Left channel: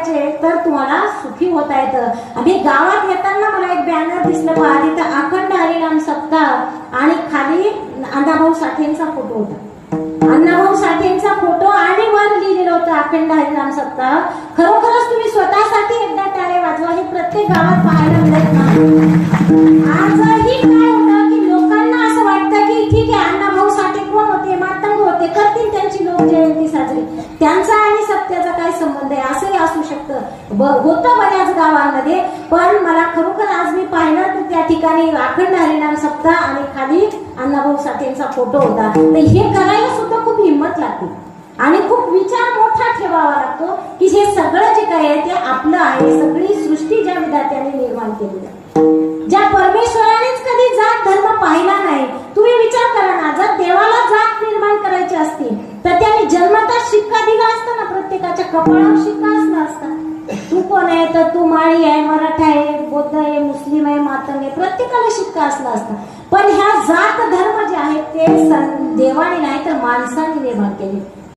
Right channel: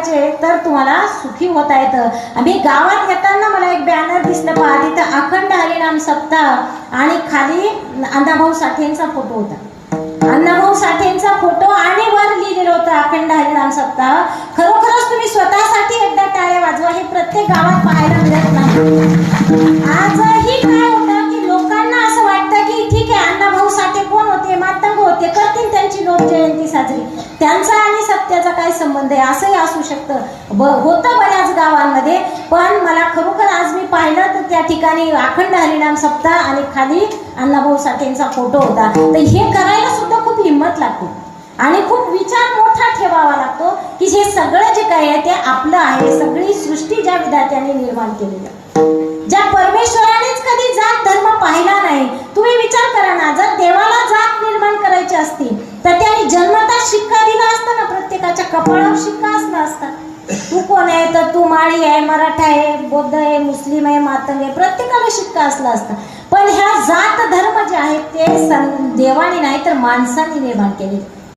करायचे तर तुम्हाला सुखी होता येतं. आम्ही गावात येताना मला एक बॅनर दिसलं पहा, तिथं अखंड हरिनाम सप्ताह आणि खाली अण्णाभाऊ साठेंचा फोटो होता. अण्णाभाऊ साठेंचा फोटो आणि वर लिहिलेलं होतं अखंड हरिनाम सप्ताह. खरोखरच तुम्ही स्वतःसाठी एकदा टाळ्या वाजवा. हे प्रत्येक गावात पाहायला मिळत नाही. आजही काय होतं की लोकांना असं वाटतं की ठीक आहे, अण्णाभाऊ साठे कोण होते, मातंग होते, करतील त्यांची लोक जयंती साजरी, त्यांचा आणि सत्याचा काय संबंध आहे, असंही असू शकतं, होतं बऱ्याच गावांमध्ये. पण मला खरोखर आज मी पाहिलं तर त्या ठिकाणी अखंड हरिनाम सप्ताह आणि खाली अण्णाभाऊ साठेंचा फोटो होता. तर हे करायला सुद्धा खूप हिंमत लागते आणि खूप विचार मोठा ठेवावा लागतो की हे सगळं जे काय आहे ते आपलं आहे. सगळी सृष्टी ज्या विधात्याने निर्माण केली, ज्या परमेश्वरानेच कधी जात धर्म पाहिला नाही. तुम्ही विचार करा ना, जर देवाला जात निर्माण करायची असती तर त्याने जन्मता शिक्का दिला असता ना, प्रत्येकाच्या कपाळावर शिक्का असला असता. तू कोण आहे तर तू माळी आहे, मराठा आहे, बौद्ध आहे, मुस्लिम आहे, मातंग आहे, प्रत्येकाला शिक्का असला असता. पण ह्या जात धर्म जे आहेत ते देवाने नाही तर माणसाने निर्माण केले.